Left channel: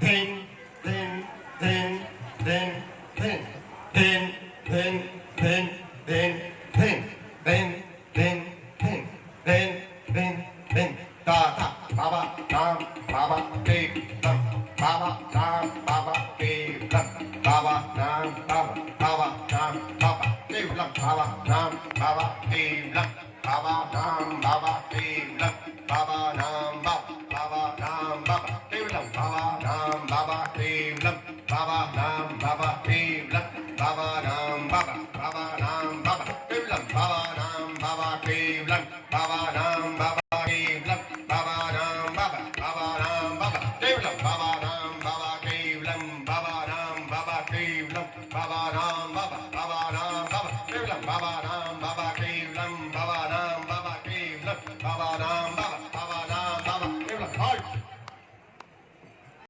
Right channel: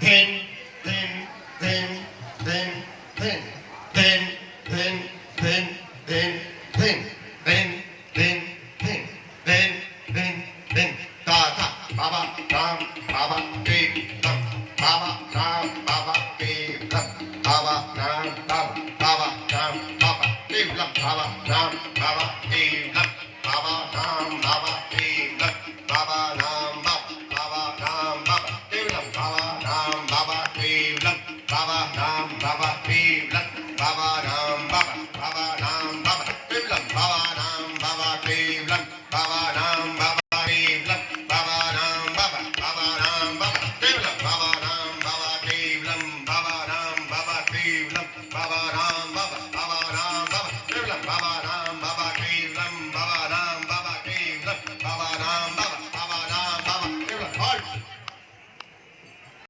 Pin, pin, pin, pin, pin, pin, pin, pin, pin, pin, pin, pin, pin, pin, pin, pin. Ta ta, baba, ram, baba, ke, ram, baba, ram, baba, ke, ram, baba, ram, baba, baba, ram, baba, ke, ram, baba, ram, baba.